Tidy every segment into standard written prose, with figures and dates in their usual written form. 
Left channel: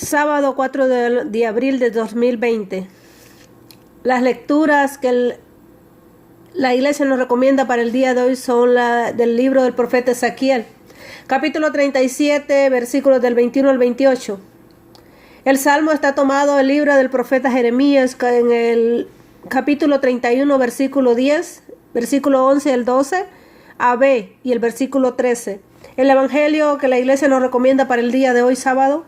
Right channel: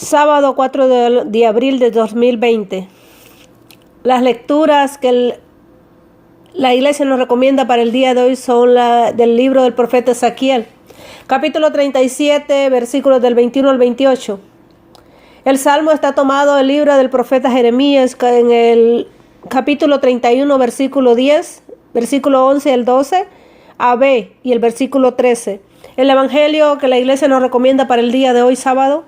Sábado 4 de abril de 2020. Las lecturas que la iglesia nos recomienda para el día de hoy son del libro del profeta Ezequiel, capítulo 37, versículos del 21 al 28. El salmo está tomado del libro del profeta Jeremías en el capítulo 31, versículo 10, versículo 11 al 12, a B y el versículo 13. El evangelio que la iglesia nos recomienda para el día de hoy, sábado,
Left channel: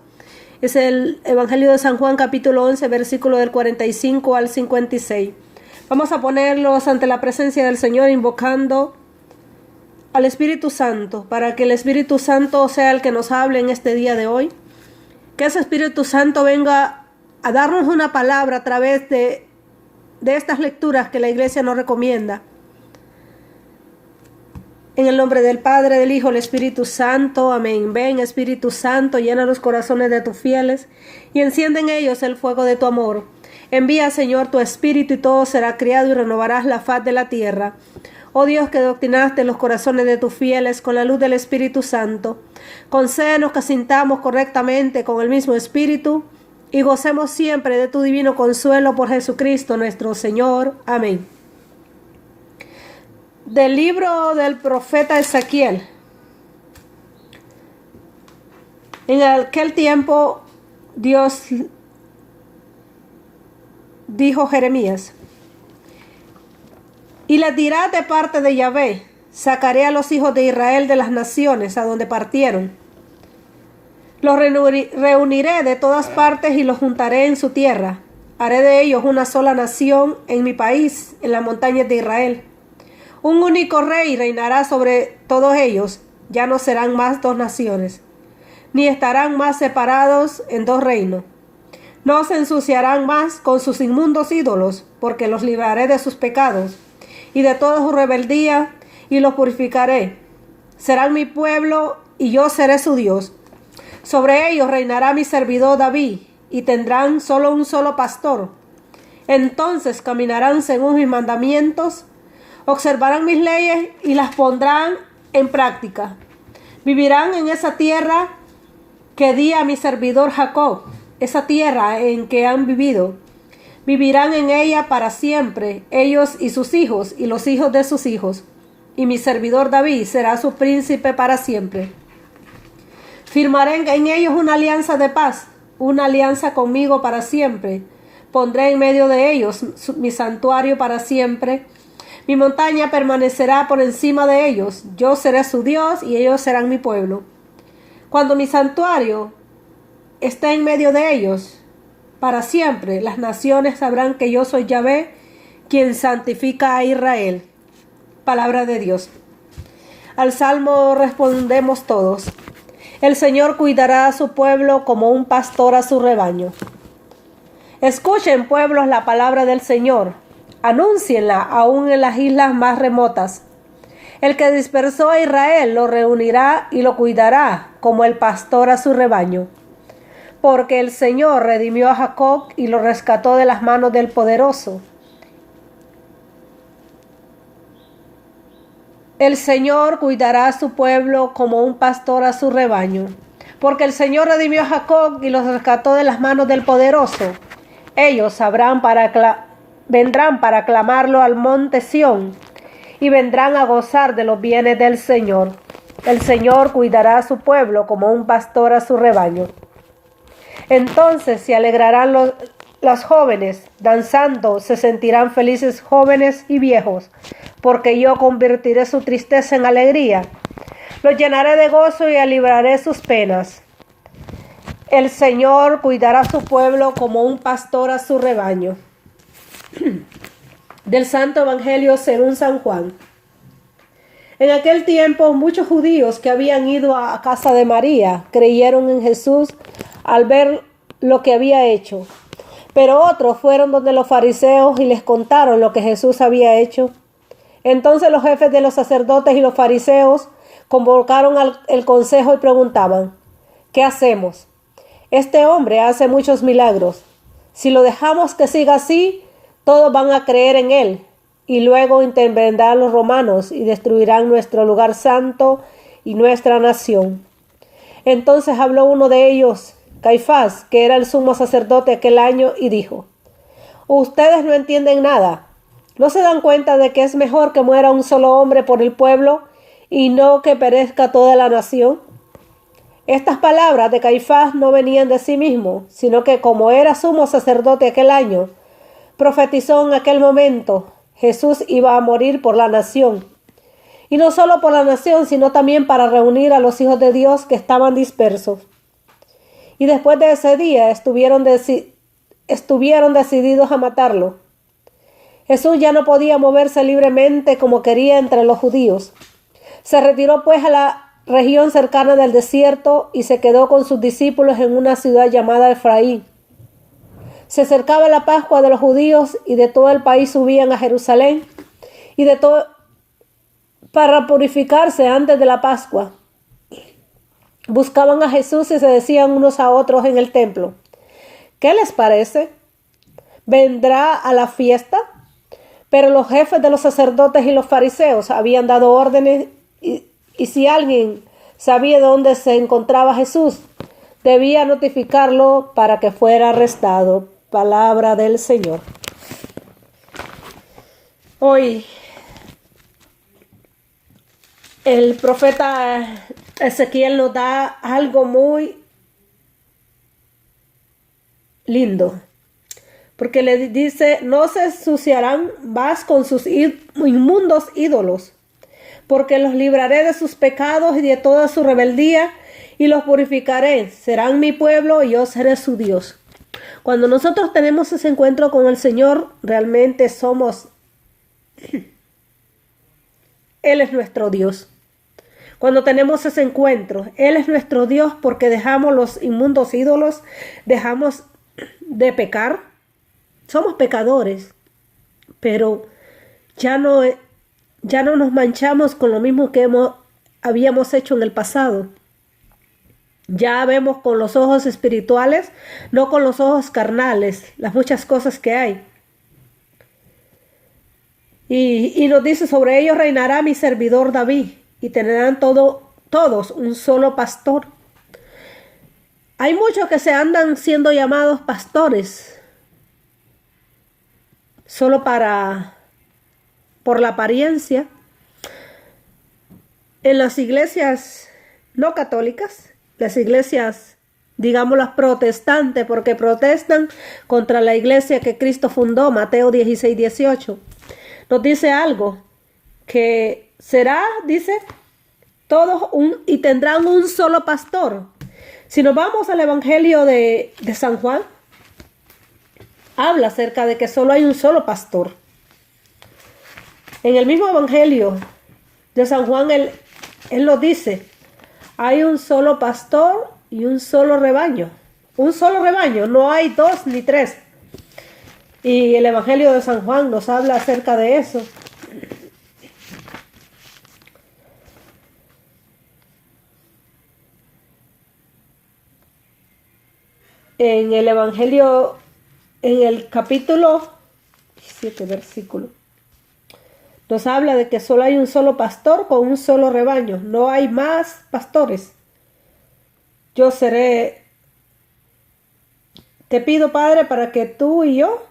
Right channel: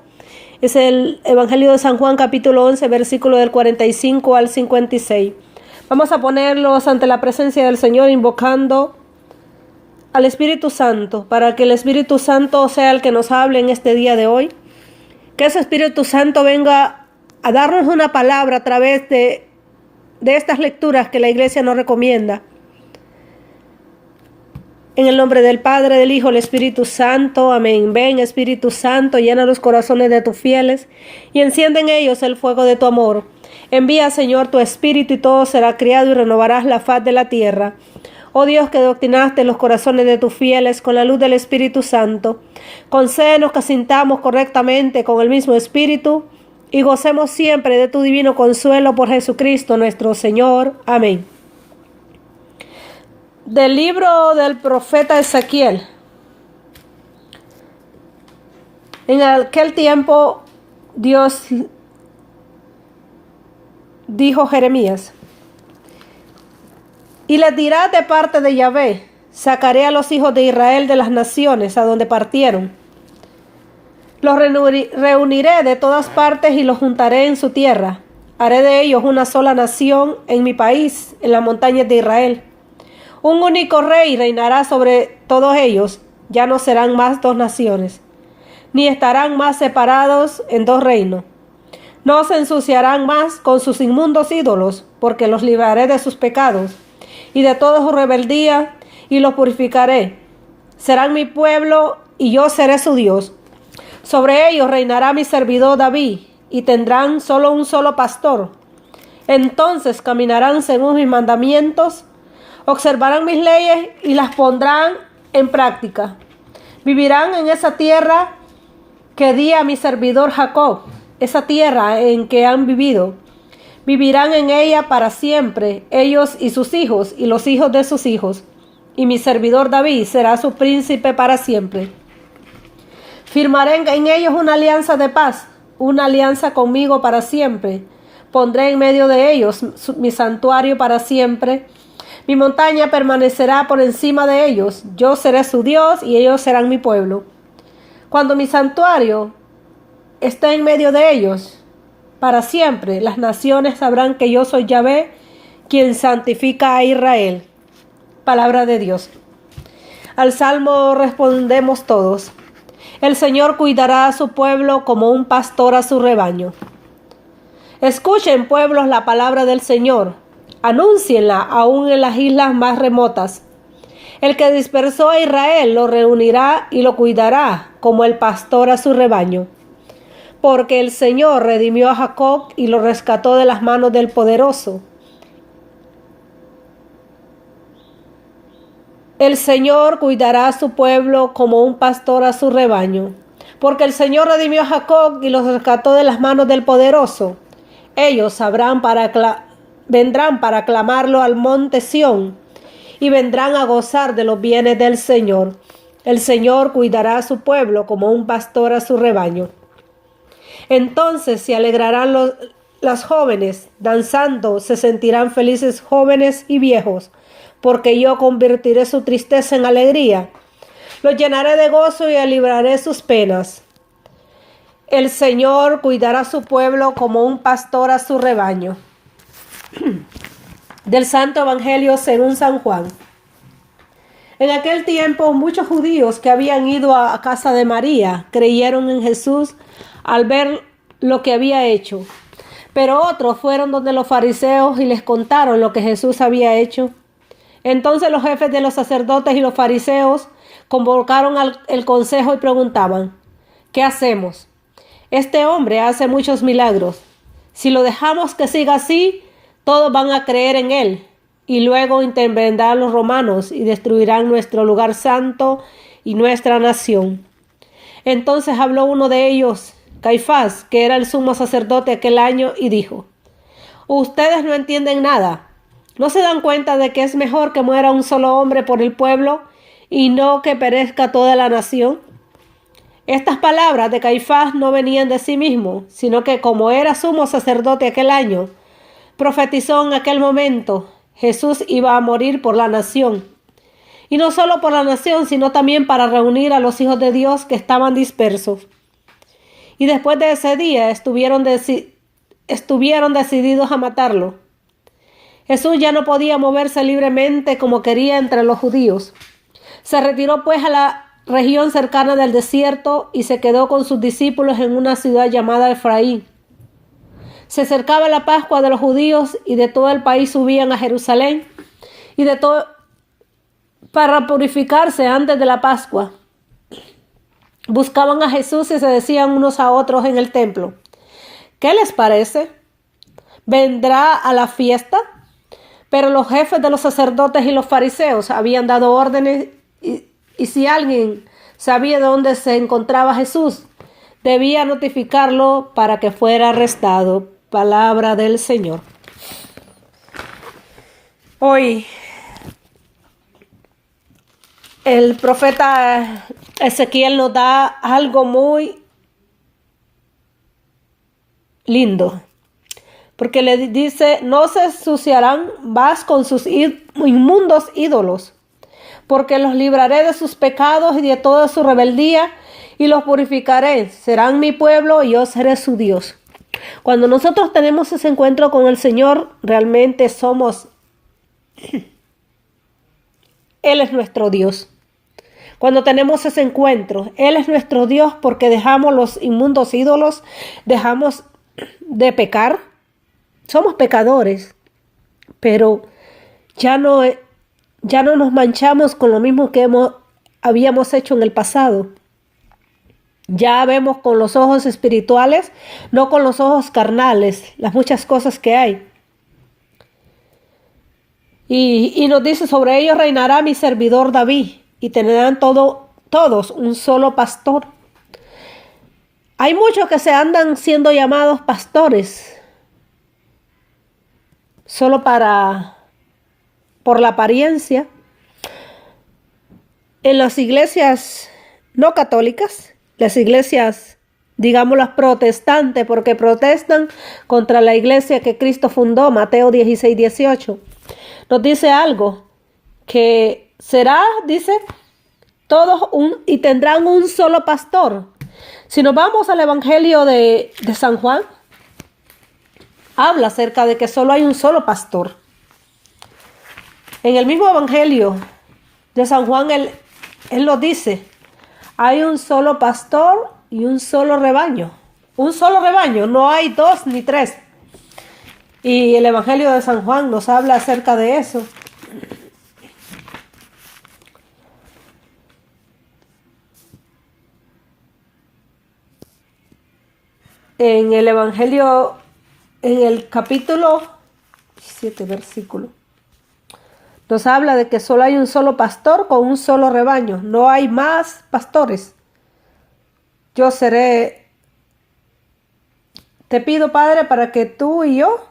es el Evangelio de San Juan, capítulo 11, versículo del 45 al 56. Vamos a ponerlos ante la presencia del Señor, invocando al Espíritu Santo, para que el Espíritu Santo sea el que nos hable en este día de hoy. Que ese Espíritu Santo venga a darnos una palabra a través de estas lecturas que la iglesia nos recomienda. En el nombre del Padre, del Hijo, del Espíritu Santo. Amén. Ven, Espíritu Santo, llena los corazones de tus fieles y enciende en ellos el fuego de tu amor. Envía, Señor, tu Espíritu y todo será criado y renovarás la faz de la tierra. Oh Dios, que doctrinaste los corazones de tus fieles con la luz del Espíritu Santo, concédenos que sintamos correctamente con el mismo Espíritu y gocemos siempre de tu divino consuelo por Jesucristo nuestro Señor. Amén. Del libro del profeta Ezequiel. En aquel tiempo Dios dijo a Jeremías: y les dirá de parte de Yahvé: sacaré a los hijos de Israel de las naciones a donde partieron. Los reuniré de todas partes y los juntaré en su tierra. Haré de ellos una sola nación en mi país, en las montañas de Israel. Un único rey reinará sobre todos ellos. Ya no serán más dos naciones, ni estarán más separados en dos reinos. No se ensuciarán más con sus inmundos ídolos, porque los libraré de sus pecados y de toda su rebeldía, y los purificaré. Serán mi pueblo, y yo seré su Dios. Sobre ellos reinará mi servidor David, y tendrán solo un solo pastor. Entonces caminarán según mis mandamientos, observarán mis leyes y las pondrán en práctica. Vivirán en esa tierra que di a mi servidor Jacob, esa tierra en que han vivido. Vivirán en ella para siempre, ellos y sus hijos y los hijos de sus hijos. Y mi servidor David será su príncipe para siempre. Firmaré en ellos una alianza de paz, una alianza conmigo para siempre. Pondré en medio de ellos mi santuario para siempre. Mi montaña permanecerá por encima de ellos. Yo seré su Dios y ellos serán mi pueblo. Cuando mi santuario esté en medio de ellos, para siempre, las naciones sabrán que yo soy Yahvé, quien santifica a Israel. Palabra de Dios. Al salmo respondemos todos: el Señor cuidará a su pueblo como un pastor a su rebaño. Escuchen, pueblos, la palabra del Señor. Anúncienla aún en las islas más remotas. El que dispersó a Israel lo reunirá y lo cuidará como el pastor a su rebaño. Porque el Señor redimió a Jacob y lo rescató de las manos del poderoso. El Señor cuidará a su pueblo como un pastor a su rebaño. Porque el Señor redimió a Jacob y lo rescató de las manos del poderoso. Ellos vendrán para clamarlo al monte Sión y vendrán a gozar de los bienes del Señor. El Señor cuidará a su pueblo como un pastor a su rebaño. Entonces se alegrarán las jóvenes, danzando se sentirán felices jóvenes y viejos, porque yo convertiré su tristeza en alegría. Los llenaré de gozo y aliviaré sus penas. El Señor cuidará a su pueblo como un pastor a su rebaño. Del Santo Evangelio según San Juan. En aquel tiempo, muchos judíos que habían ido a casa de María creyeron en Jesús al ver lo que había hecho. Pero otros fueron donde los fariseos y les contaron lo que Jesús había hecho. Entonces los jefes de los sacerdotes y los fariseos convocaron el consejo y preguntaban: ¿qué hacemos? Este hombre hace muchos milagros. Si lo dejamos que siga así, todos van a creer en él, y luego intervendrán los romanos y destruirán nuestro lugar santo y nuestra nación. Entonces habló uno de ellos Caifás, que era el sumo sacerdote aquel año, y dijo: ustedes no entienden nada. ¿No se dan cuenta de que es mejor que muera un solo hombre por el pueblo y no que perezca toda la nación? Estas palabras de Caifás no venían de sí mismo, sino que como era sumo sacerdote aquel año, profetizó en aquel momento: Jesús iba a morir por la nación. Y no solo por la nación, sino también para reunir a los hijos de Dios que estaban dispersos. Y después de ese día estuvieron decididos a matarlo. Jesús ya no podía moverse libremente como quería entre los judíos. Se retiró pues a la región cercana del desierto y se quedó con sus discípulos en una ciudad llamada Efraín. Se acercaba la Pascua de los judíos y de todo el país subían a Jerusalén y de todo para purificarse antes de la Pascua. Buscaban a Jesús y se decían unos a otros en el templo: ¿qué les parece? ¿Vendrá a la fiesta? Pero los jefes de los sacerdotes y los fariseos habían dado órdenes y si alguien sabía de dónde se encontraba Jesús, debía notificarlo para que fuera arrestado. Palabra del Señor. Hoy el profeta Ezequiel nos da algo muy lindo, porque le dice: no se ensuciarán más con sus inmundos ídolos, porque los libraré de sus pecados y de toda su rebeldía y los purificaré. Serán mi pueblo y yo seré su Dios. Cuando nosotros tenemos ese encuentro con el Señor, realmente somos Él es nuestro Dios. Cuando tenemos ese encuentro, Él es nuestro Dios, porque dejamos los inmundos ídolos, dejamos de pecar. Somos pecadores, pero ya no nos manchamos con lo mismo que habíamos hecho en el pasado. Ya vemos con los ojos espirituales, no con los ojos carnales, las muchas cosas que hay. Y nos dice: sobre ellos reinará mi servidor David, y tendrán todos un solo pastor. Hay muchos que se andan siendo llamados pastores, solo por la apariencia. En las iglesias no católicas, las iglesias, digamos las protestantes, porque protestan contra la iglesia que Cristo fundó, Mateo 16:18. Nos dice algo, que será, dice, todos y tendrán un solo pastor. Si nos vamos al Evangelio de San Juan, habla acerca de que solo hay un solo pastor. En el mismo Evangelio de San Juan, él lo dice: hay un solo pastor y un solo rebaño. Un solo rebaño, no hay dos ni tres. Y el Evangelio de San Juan nos habla acerca de eso. En el Evangelio, en el capítulo 7, versículo, nos habla de que solo hay un solo pastor con un solo rebaño. No hay más pastores. Yo seré. Te pido, Padre, para que tú y yo,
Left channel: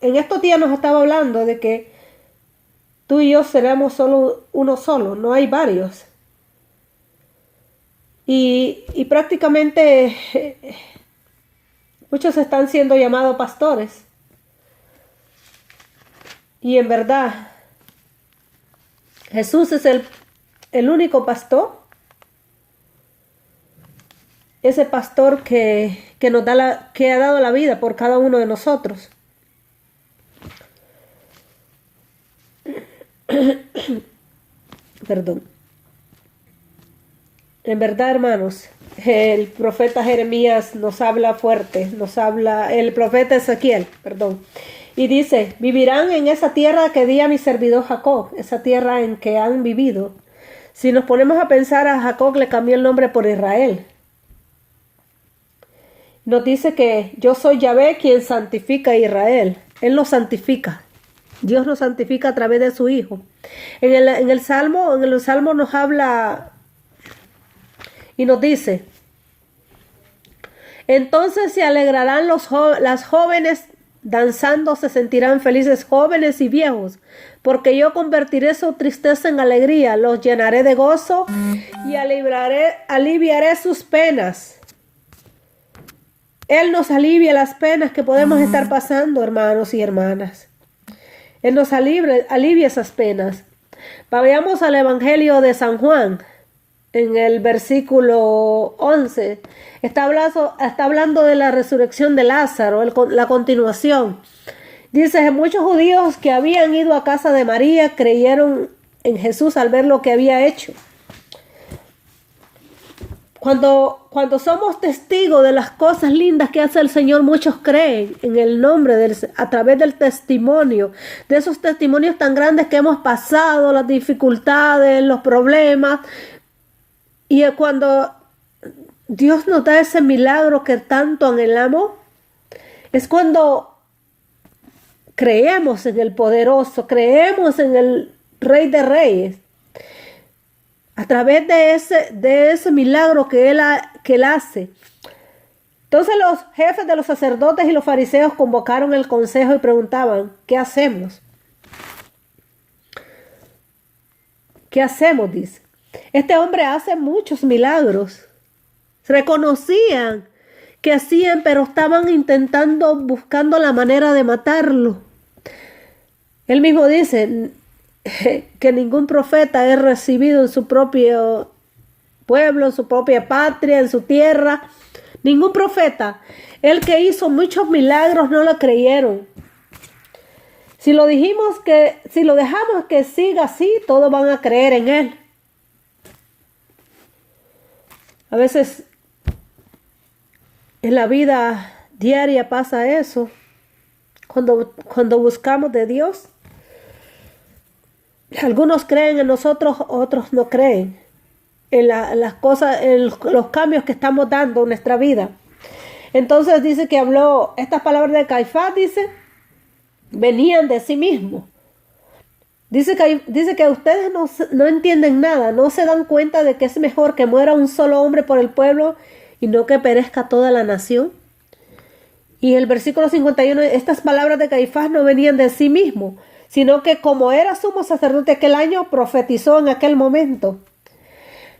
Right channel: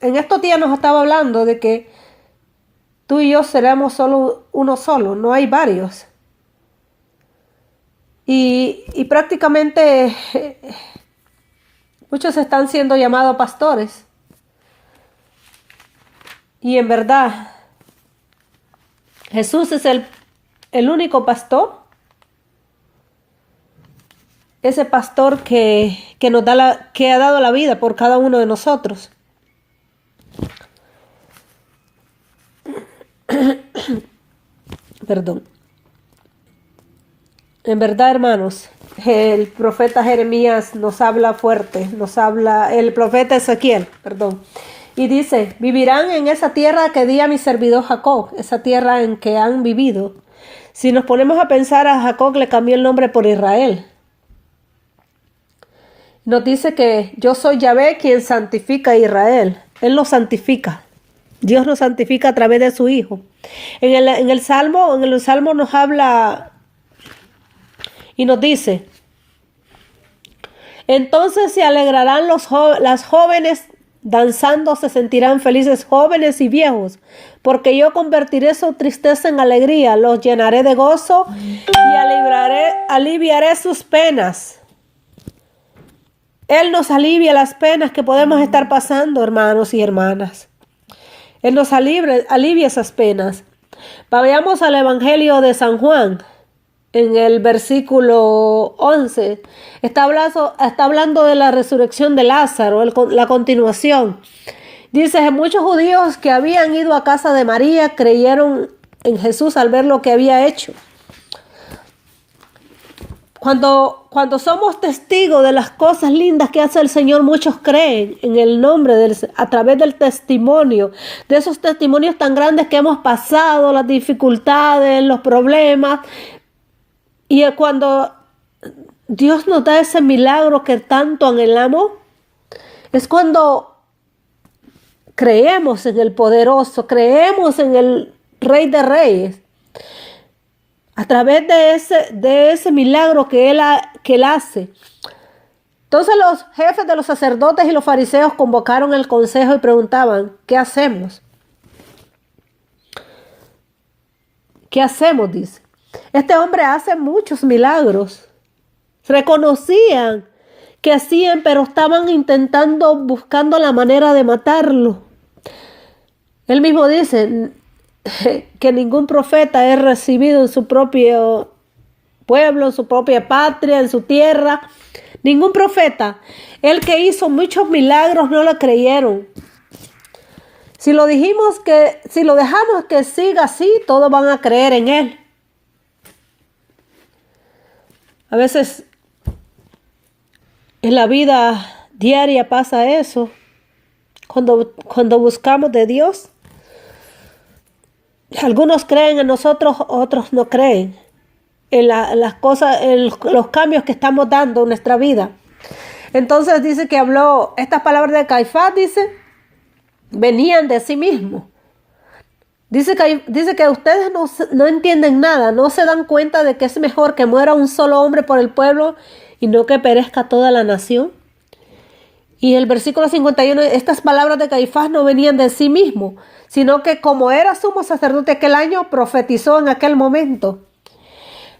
en estos días nos estaba hablando de que tú y yo seremos solo uno solo, no hay varios. Y prácticamente muchos están siendo llamados pastores. Y en verdad, Jesús es el único pastor. Ese pastor que ha dado la vida por cada uno de nosotros. Perdón. En verdad, hermanos, el profeta Jeremías nos habla fuerte, el profeta Ezequiel, perdón, y dice: vivirán en esa tierra que di a mi servidor Jacob, esa tierra en que han vivido. Si nos ponemos a pensar, a Jacob le cambió el nombre por Israel. Nos dice que yo soy Yahvé quien santifica a Israel. Él lo santifica. Dios lo santifica a través de su Hijo. En el Salmo nos habla y nos dice: Entonces se alegrarán las jóvenes danzando, se sentirán felices jóvenes y viejos, porque yo convertiré su tristeza en alegría, los llenaré de gozo y aliviaré sus penas. Él nos alivia las penas que podemos estar pasando, hermanos y hermanas. Él nos alivia esas penas. Vayamos al Evangelio de San Juan. En el versículo 11 está hablando de la resurrección de Lázaro, la continuación. Dice: muchos judíos que habían ido a casa de María creyeron en Jesús al ver lo que había hecho. Cuando somos testigos de las cosas lindas que hace el Señor, muchos creen en el nombre a través del testimonio, de esos testimonios tan grandes que hemos pasado, las dificultades, los problemas. Y cuando Dios nos da ese milagro que tanto anhelamos, es cuando creemos en el poderoso, creemos en el Rey de Reyes. A través de ese milagro que él hace. Entonces los jefes de los sacerdotes y los fariseos convocaron el consejo y preguntaban: ¿qué hacemos? ¿Qué hacemos? Dice. Este hombre hace muchos milagros. Reconocían que hacían, pero estaban buscando la manera de matarlo. Él mismo dice que ningún profeta es recibido en su propio pueblo, en su propia patria, en su tierra. Ningún profeta. El que hizo muchos milagros no lo creyeron. Si lo dejamos que siga así, todos van a creer en él. A veces en la vida diaria pasa eso. Cuando buscamos de Dios, algunos creen en nosotros, otros no creen en las cosas, en los cambios que estamos dando en nuestra vida. Entonces dice que habló estas palabras de Caifás, dice, venían de sí mismo. Dice que ustedes no entienden nada, no se dan cuenta de que es mejor que muera un solo hombre por el pueblo y no que perezca toda la nación. Y el versículo 51, estas palabras de Caifás no venían de sí mismo, sino que como era sumo sacerdote aquel año, profetizó en aquel momento.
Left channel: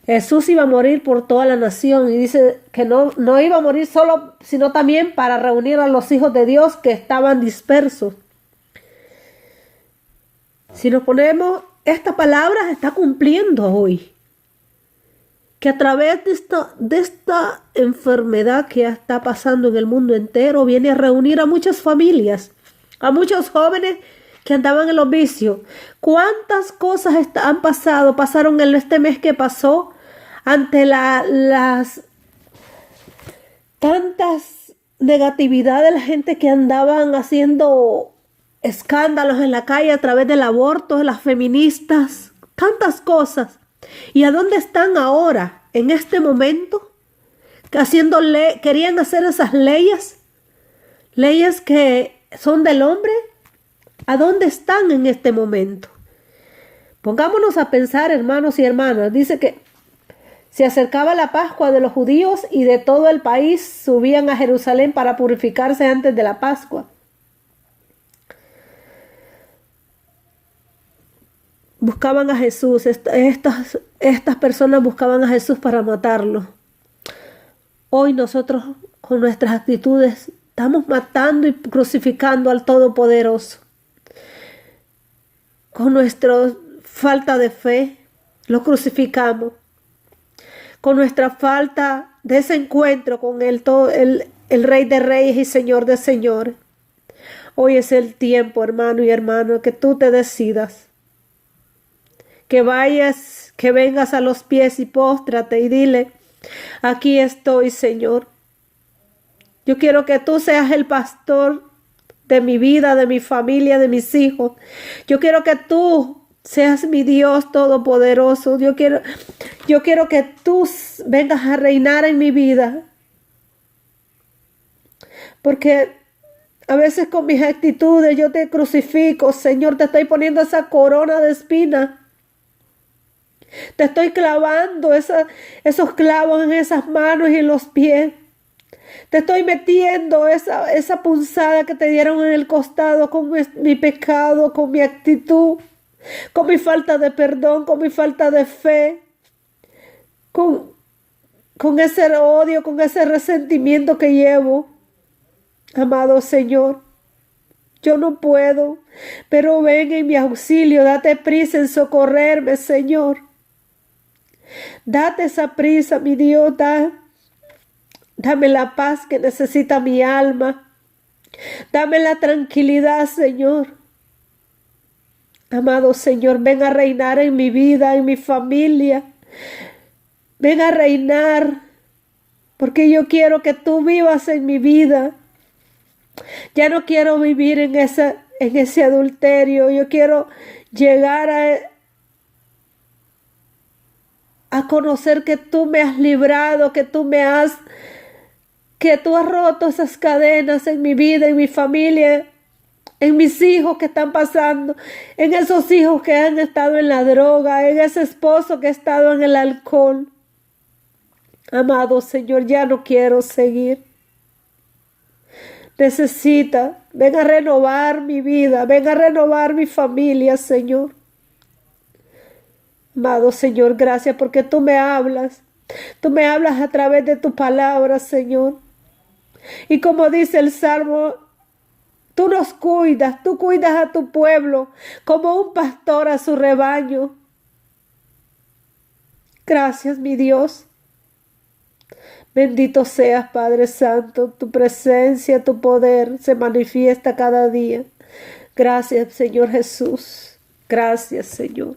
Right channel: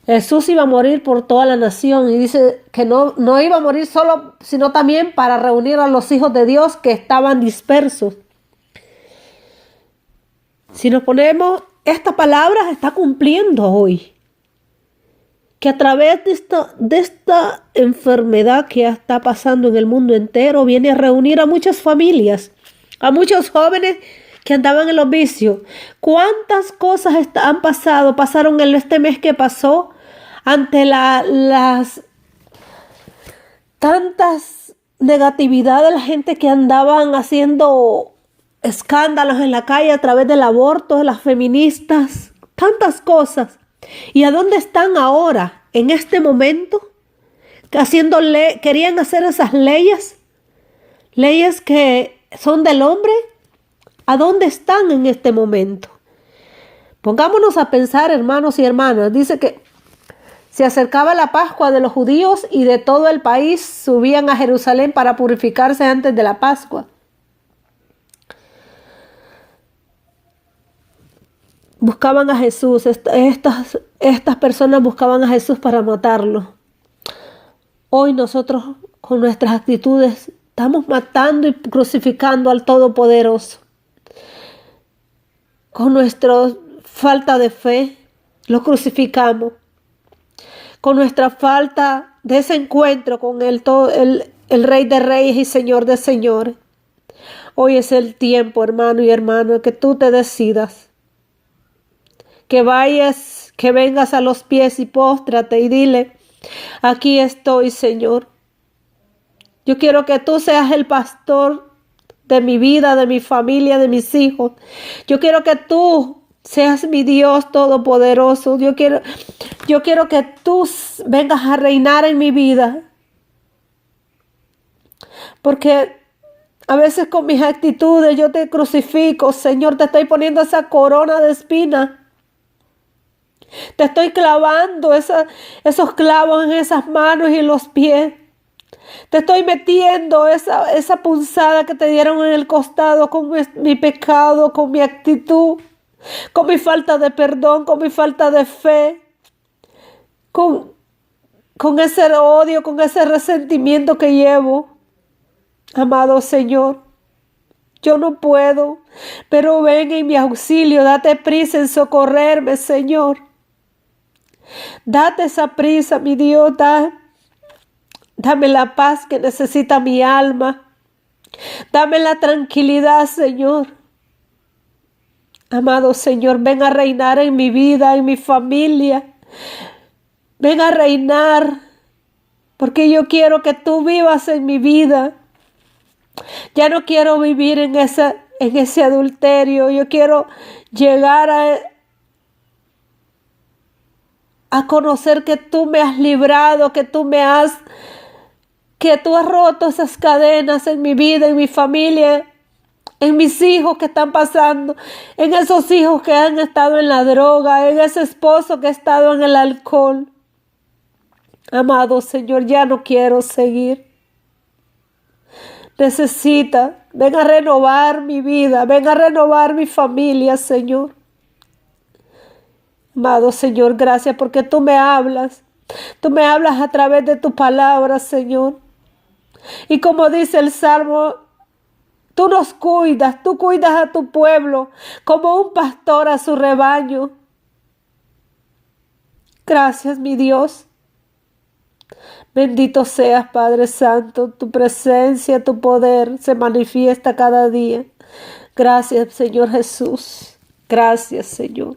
Jesús iba a morir por toda la nación y dice que no iba a morir solo, sino también para reunir a los hijos de Dios que estaban dispersos. Si nos ponemos, esta palabra se está cumpliendo hoy. Que a través de esta enfermedad que está pasando en el mundo entero, viene a reunir a muchas familias, a muchos jóvenes que andaban en los vicios. ¿Cuántas cosas pasaron en este mes que pasó ante las tantas negatividad de la gente que andaban haciendo escándalos en la calle a través del aborto, de las feministas, tantas cosas? ¿Y a dónde están ahora, en este momento? Querían hacer esas leyes que son del hombre. ¿A dónde están en este momento? Pongámonos a pensar, hermanos y hermanas. Dice que se acercaba la Pascua de los judíos y de todo el país subían a Jerusalén para purificarse antes de la Pascua. Buscaban a Jesús, estas personas buscaban a Jesús para matarlo. Hoy nosotros con nuestras actitudes estamos matando y crucificando al Todopoderoso. Con nuestra falta de fe lo crucificamos. Con nuestra falta de ese encuentro con el Rey de Reyes y Señor de Señores. Hoy es el tiempo, hermano y hermana, que tú te decidas. Que vayas, que vengas a los pies y póstrate y dile: aquí estoy, Señor. Yo quiero que tú seas el pastor de mi vida, de mi familia, de mis hijos. Yo quiero que tú seas mi Dios todopoderoso. Yo quiero que tú vengas a reinar en mi vida. Porque a veces con mis actitudes yo te crucifico, Señor. Te estoy poniendo esa corona de espinas. Te estoy clavando esos clavos en esas manos y en los pies. Te estoy metiendo esa punzada que te dieron en el costado con mi pecado, con mi actitud, con mi falta de perdón, con mi falta de fe, con ese odio, con ese resentimiento que llevo. Amado Señor, yo no puedo, pero ven en mi auxilio, date prisa en socorrerme, Señor. Date esa prisa, mi Dios, dame la paz que necesita mi alma. Dame la tranquilidad, Señor. Amado Señor, ven a reinar en mi vida, en mi familia. Ven a reinar, porque yo quiero que tú vivas en mi vida. Ya no quiero vivir en ese adulterio. Yo quiero llegar a conocer que tú me has librado, que tú has roto esas cadenas en mi vida, en mi familia, en mis hijos que están pasando, en esos hijos que han estado en la droga, en ese esposo que ha estado en el alcohol. Amado Señor, ya no quiero seguir. Ven a renovar mi vida, ven a renovar mi familia, Señor. Amado Señor, gracias porque tú me hablas. Tú me hablas a través de tu palabra, Señor. Y como dice el Salmo, tú nos cuidas, tú cuidas a tu pueblo como un pastor a su rebaño. Gracias, mi Dios. Bendito seas, Padre Santo, tu presencia, tu poder se manifiesta cada día. Gracias, Señor Jesús. Gracias, Señor.